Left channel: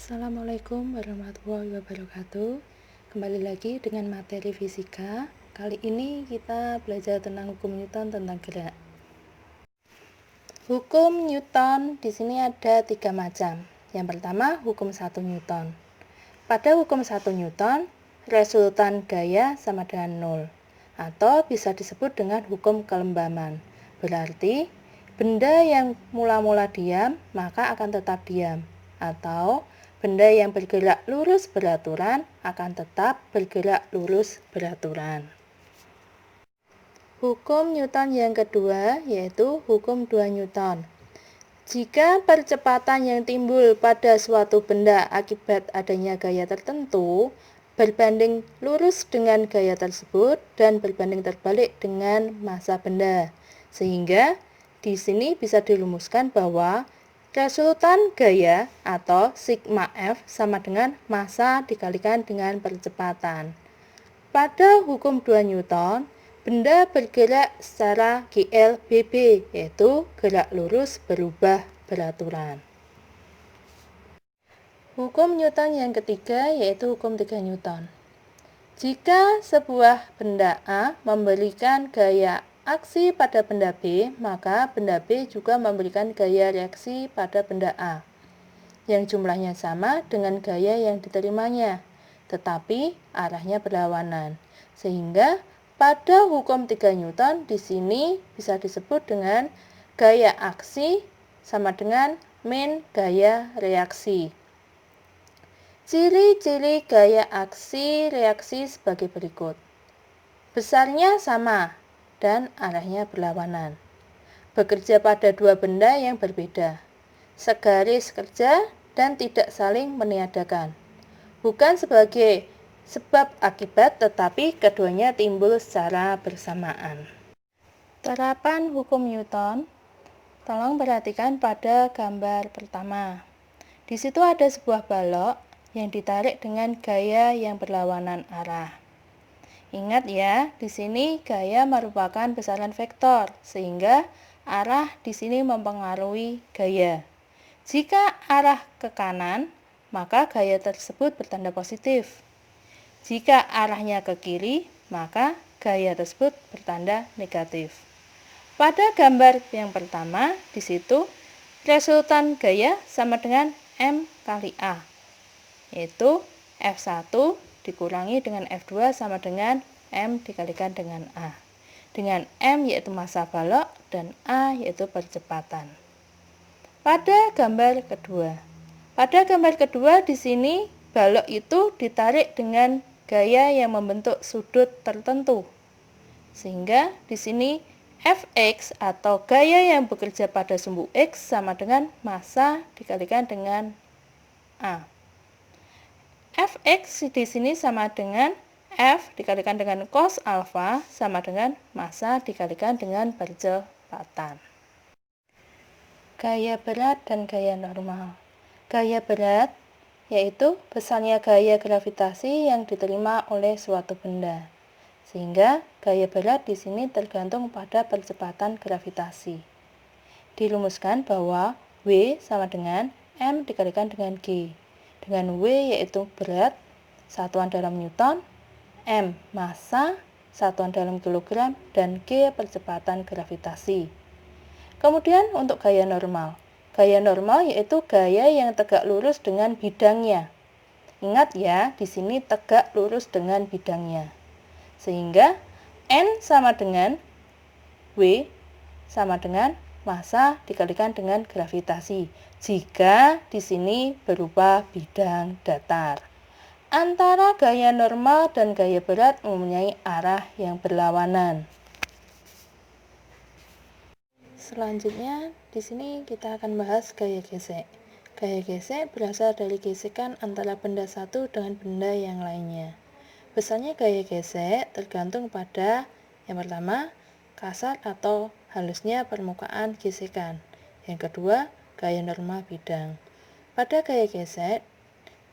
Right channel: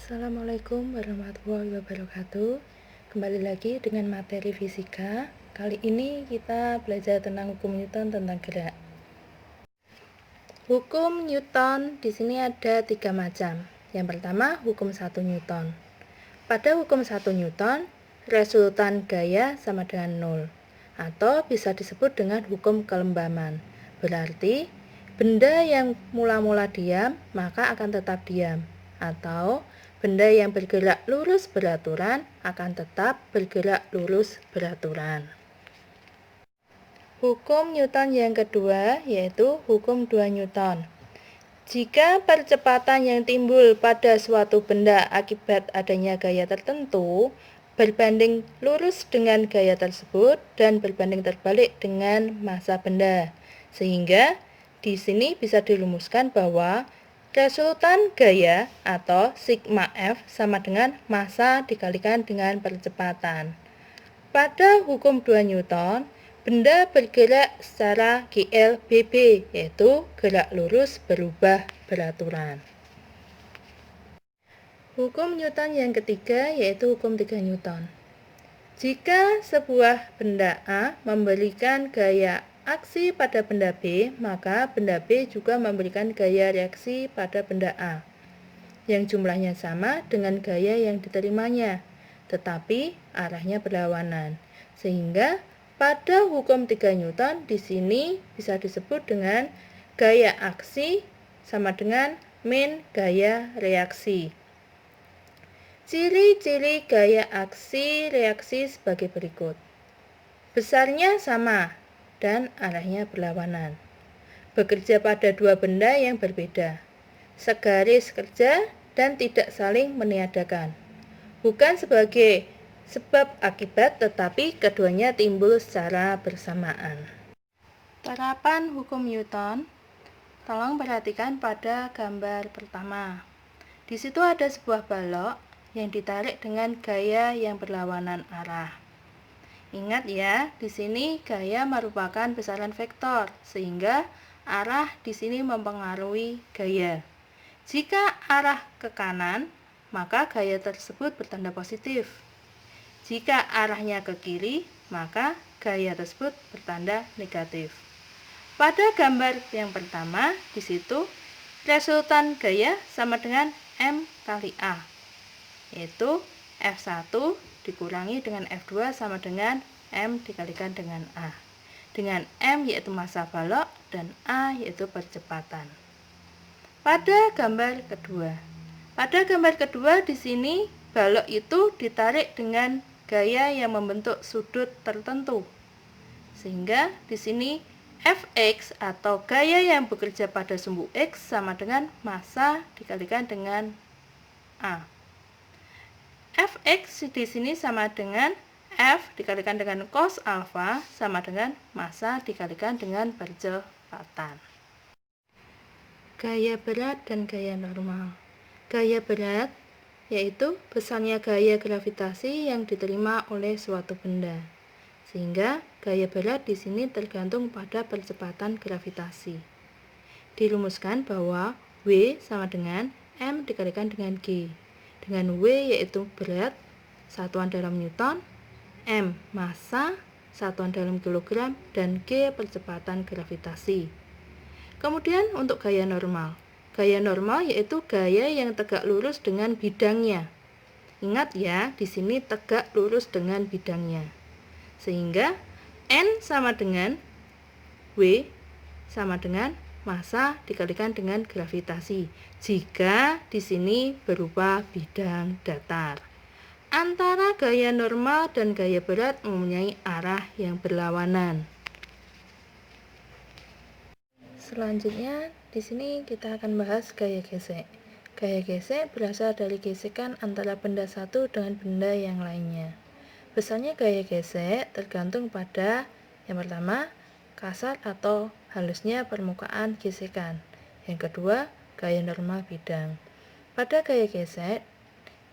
Assalamualaikum warahmatullahi wabarakatuh. Kembali lagi dengan materi fisika. Kali ini kita belajar tentang hukum Newton tentang gerak. Hukum Newton di sini ada 3 macam. Yang pertama, hukum 1 Newton. Pada hukum 1 Newton, resultan gaya sama dengan 0 atau bisa disebut dengan hukum kelembaman. Berarti benda yang mula-mula diam maka akan tetap diam, atau benda yang bergerak lurus beraturan akan tetap bergerak lurus beraturan. Hukum Newton yang kedua yaitu hukum 2 Newton. Jika percepatan yang timbul pada suatu benda akibat adanya gaya tertentu berbanding lurus dengan gaya tersebut dan berbanding terbalik dengan massa benda, sehingga di sini bisa dirumuskan bahwa resultan gaya atau sigma F sama dengan massa dikalikan dengan percepatan. Pada hukum 2 Newton, benda bergerak secara GLBB, yaitu gerak lurus berubah beraturan. Hukum Newton yang ketiga yaitu hukum 3 Newton. Jika sebuah benda A memberikan gaya aksi pada benda B, maka benda B juga memberikan gaya reaksi pada benda A yang jumlahnya sama dengan gaya yang diterimanya, tetapi arahnya berlawanan. Sehingga pada hukum 3 Newton di sini bisa disebut dengan gaya aksi sama dengan min gaya reaksi. Ciri-ciri gaya aksi reaksi sebagai berikut. Besarnya sama dan arahnya berlawanan. Bekerja pada dua benda yang berbeda. Segaris kerja dan tidak saling meniadakan. Bukan sebagai sebab akibat, tetapi keduanya timbul secara bersamaan. Terapan hukum Newton. Tolong perhatikan pada gambar pertama. Di situ ada sebuah balok yang ditarik dengan gaya yang berlawanan arah. Ingat ya, di sini gaya merupakan besaran vektor, sehingga arah di sini mempengaruhi gaya. Jika arah ke kanan, maka gaya tersebut bertanda positif. Jika arahnya ke kiri, maka gaya tersebut bertanda negatif. Pada gambar yang pertama, di situ resultan gaya sama dengan M kali A, yaitu F1 dikurangi dengan F2 sama dengan M dikalikan dengan A. Dengan M yaitu massa balok dan A yaitu percepatan. Pada gambar kedua di sini balok itu ditarik dengan gaya yang membentuk sudut tertentu. Sehingga di sini Fx atau gaya yang bekerja pada sumbu X sama dengan massa dikalikan dengan A. Fx di sini sama dengan F dikalikan dengan cos alfa sama dengan massa dikalikan dengan percepatan. Gaya berat dan gaya normal. Gaya berat yaitu besarnya gaya gravitasi yang diterima oleh suatu benda. Sehingga gaya berat di sini tergantung pada percepatan gravitasi. Dirumuskan bahwa W sama dengan M dikalikan dengan G. Dengan W yaitu berat, satuan dalam Newton, M massa, satuan dalam kilogram, dan G percepatan gravitasi. Kemudian untuk gaya normal. Gaya normal yaitu gaya yang tegak lurus dengan bidangnya. Ingat ya, di sini tegak lurus dengan bidangnya. Sehingga N sama dengan W sama dengan massa dikalikan dengan gravitasi. Jika di sini berupa bidang datar. Antara gaya normal dan gaya berat mempunyai arah yang berlawanan. Selanjutnya, di sini kita akan bahas gaya gesek. Gaya gesek berasal dari gesekan antara benda satu dengan benda yang lainnya. Besarnya gaya gesek tergantung pada yang pertama, kasar atau halusnya permukaan gesekan. Yang kedua, gaya normal bidang. Pada gaya gesek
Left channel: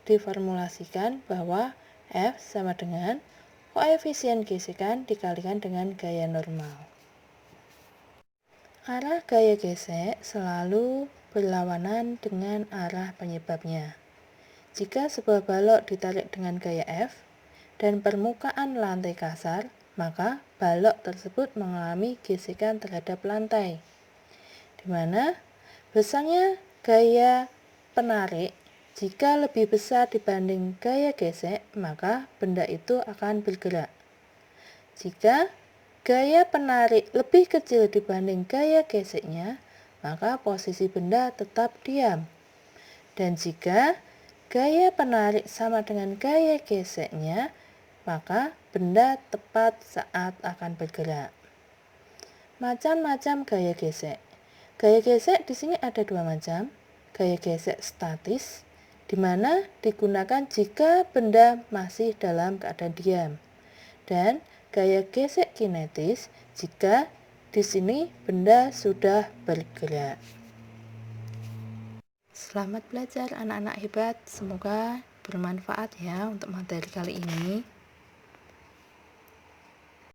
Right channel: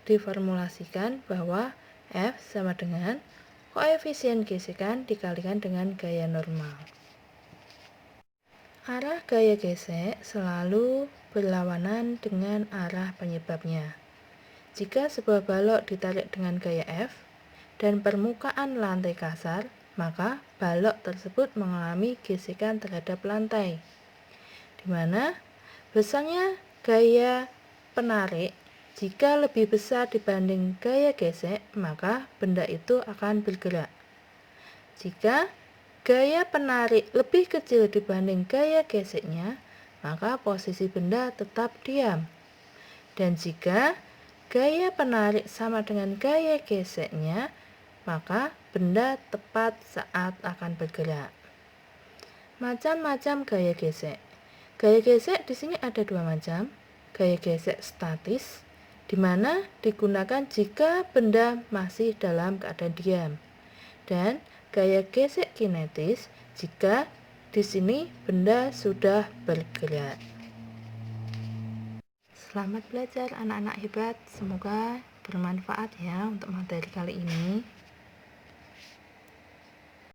diformulasikan bahwa F sama dengan koefisien gesekan dikalikan dengan gaya normal. Arah gaya gesek selalu berlawanan dengan arah penyebabnya. Jika sebuah balok ditarik dengan gaya F dan permukaan lantai kasar, maka balok tersebut mengalami gesekan terhadap lantai, di mana besarnya gaya penarik jika lebih besar dibanding gaya gesek, maka benda itu akan bergerak. Jika gaya penarik lebih kecil dibanding gaya geseknya, maka posisi benda tetap diam. Dan jika gaya penarik sama dengan gaya geseknya, maka benda tepat saat akan bergerak. Macam-macam gaya gesek. Gaya gesek di sini ada dua macam. Gaya gesek statis, di mana digunakan jika benda masih dalam keadaan diam. Dan gaya gesek kinetis jika di sini benda sudah bergerak. Selamat belajar anak-anak hebat, semoga bermanfaat ya untuk materi kali ini.